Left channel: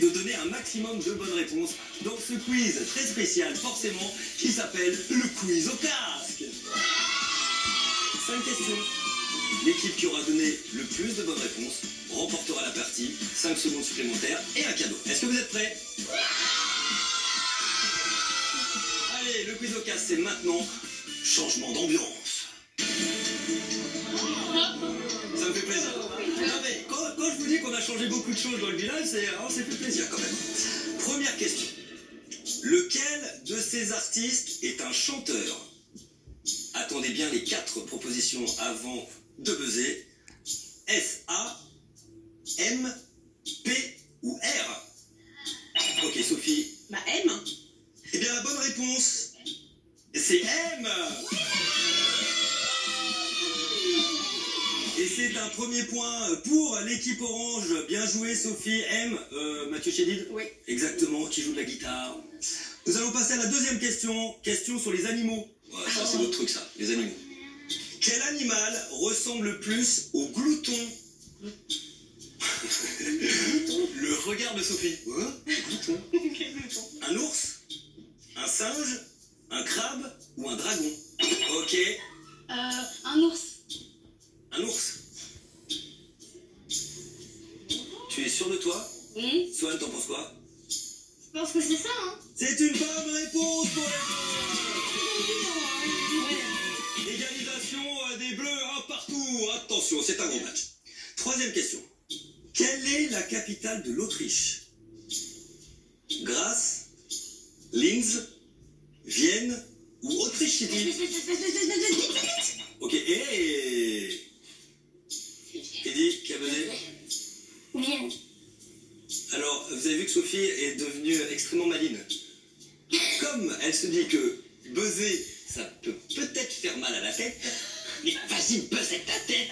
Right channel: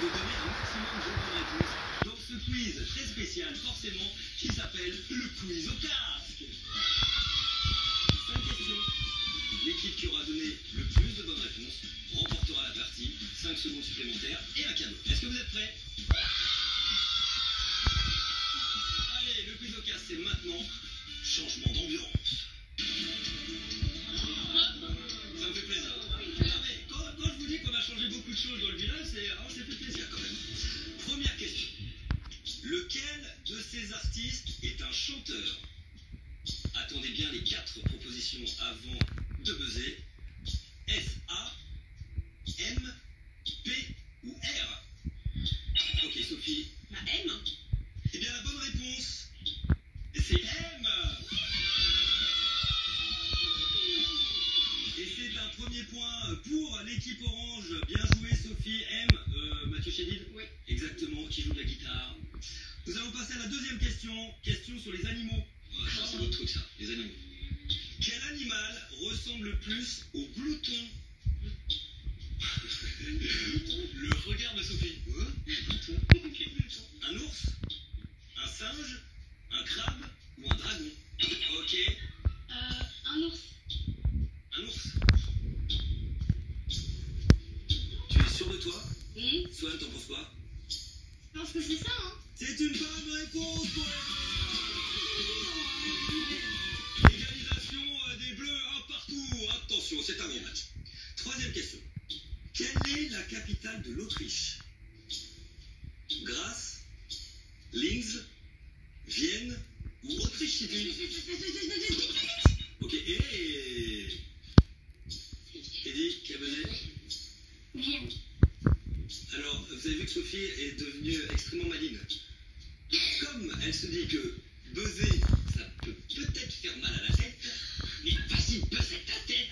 de donner un maximum de bonnes réponses dans ce quiz très spécial, forcément, qui s'appelle le quiz au casque. 5 questions. L'équipe qui aura donné le plus de bonnes réponses remportera la partie, 5 secondes supplémentaires et un cadeau. Est-ce que vous êtes prêts? Allez, le quiz au casque, c'est maintenant changement d'ambiance. Ça me fait plaisir. Non mais, quand je vous dis qu'on a changé beaucoup de choses dans le village, ça fait plaisir quand même. Première question. Lequel de ces artistes est un chanteur? Attendez bien les 4 propositions avant de buzzer. S, A, M, P ou R? Ok, Sophie. Bah M. Eh bien, la bonne réponse, c'est M. Et c'est un premier point pour l'équipe orange. Bien joué, Sophie. M, Mathieu Chédid? Oui. Exactement, qui joue de la guitare. Nous allons passer à la deuxième question. Question sur les animaux. Ouais, ça, c'est votre truc, ça, les animaux. Quel animal ressemble le plus au glouton? Le regard de Sophie. Hein? Glouton. Un ours? Un singe? Un crabe? Ou un dragon? Ok. Un ours. Un ours. Tu es sûr de toi? Oui. Swan, t'en penses quoi? Je pense que c'est ça, hein. C'est une bonne réponse pour les bleus. Égalisation des bleus, un partout. Attention, c'est un gros match. Troisième question. Quelle est la capitale de l'Autriche? Graz, Linz, Vienne ou Autriche City? Ok, et... Eddie, qui a buzzé? Vienne. Alors, vous avez vu que Sophie est devenue extrêmement maligne. Comme elle se dit que buzzer, ça peut peut-être faire mal à la tête, mais vas-y, buzz avec ta tête.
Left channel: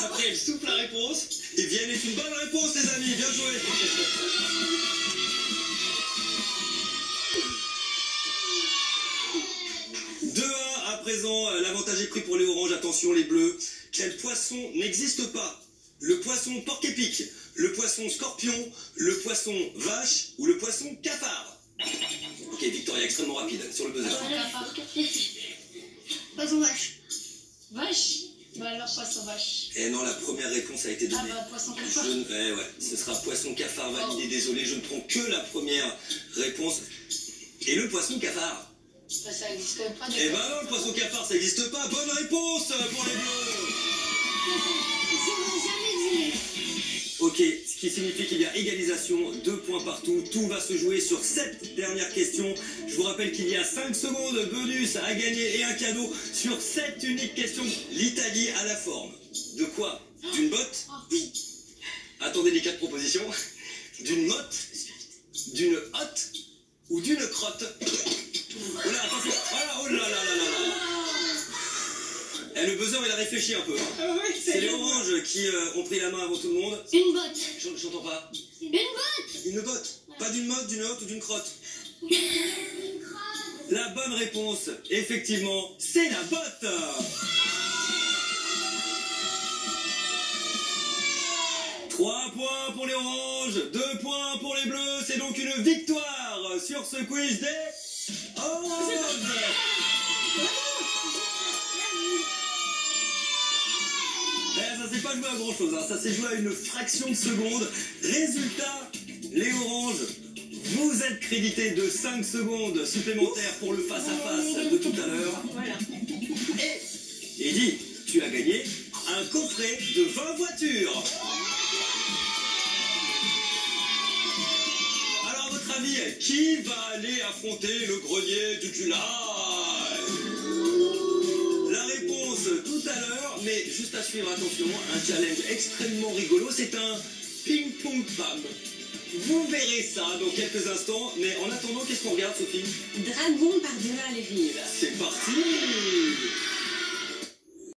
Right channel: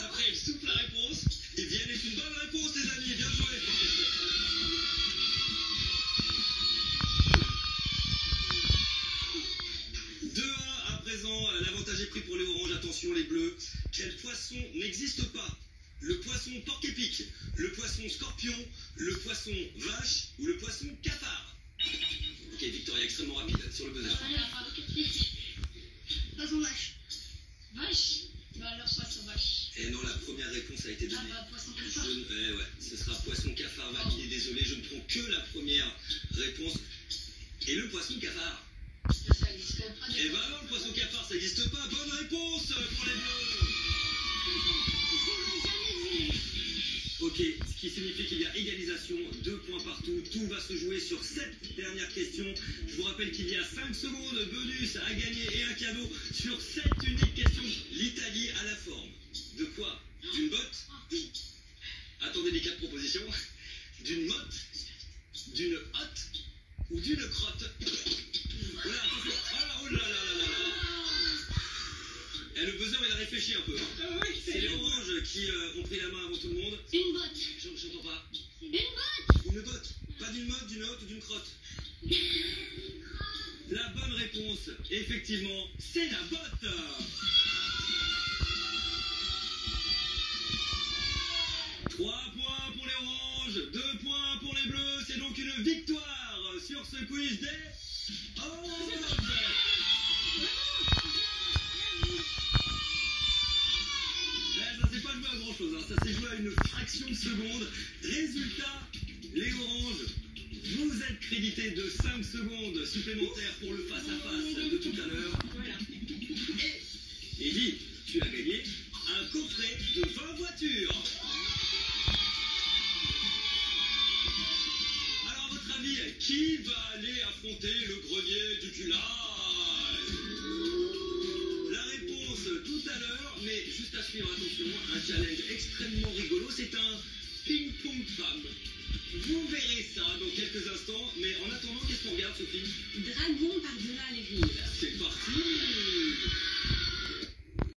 Après, elle souffle la réponse, et Vienne est une bonne réponse, les amis, bien joué. 2-1 à présent, l'avantage est pris pour les oranges, attention les bleus. Quel poisson n'existe pas? Le poisson porc-épic, le poisson scorpion, le poisson vache ou le poisson cafard? Ok, Victoria, extrêmement rapide sur le buzzer. Poisson vache. Vache? Bah alors poisson vache. Eh non, la première réponse a été Ah donnée. bah poisson cafard. Ouais, ce sera poisson cafard validé, désolé, je ne prends que la première réponse. Et le poisson cafard? Ça existe pas. Eh ben non, le poisson cafard, ça n'existe pas. Bonne réponse pour les bleus. Ok, ce qui signifie qu'il y a égalisation, 2 points partout, tout va se jouer sur cette dernière question. Je vous rappelle qu'il y a 5 secondes bonus à gagner et un cadeau sur cette unique question. L'Italie a la forme de quoi? D'une botte? Attendez les 4 propositions. D'une motte? D'une hotte? Ou d'une crotte? Oh là, attention. Oh là là là là là. Eh, le buzzer, il a réfléchi un peu. Hein. Oui, C'est les oranges qui ont pris la main avant tout le monde. Une botte. J'entends pas. Une botte. Une botte. Pas d'une motte, d'une hotte ou d'une crotte. La bonne réponse, effectivement, c'est la botte. 3 points pour les oranges, 2 points pour les bleus. C'est donc une victoire sur ce quiz des oranges. Ça s'est pas joué à grand chose, hein. Ça s'est joué à une fraction de seconde. Résultat, les oranges, vous êtes crédités de 5 secondes supplémentaires pour le face-à-face de tout à l'heure. Voilà. Et Eddy, tu as gagné un coffret de 20 voitures. Alors à votre avis, qui va aller affronter le grenier du Culail? La réponse tout à l'heure, mais juste à suivre, attention, un challenge extrêmement rigolo, c'est un ping-pong pam. Vous verrez ça dans quelques instants, mais en attendant, qu'est-ce qu'on regarde, Sophie? Dragon par-delà les rives. C'est parti.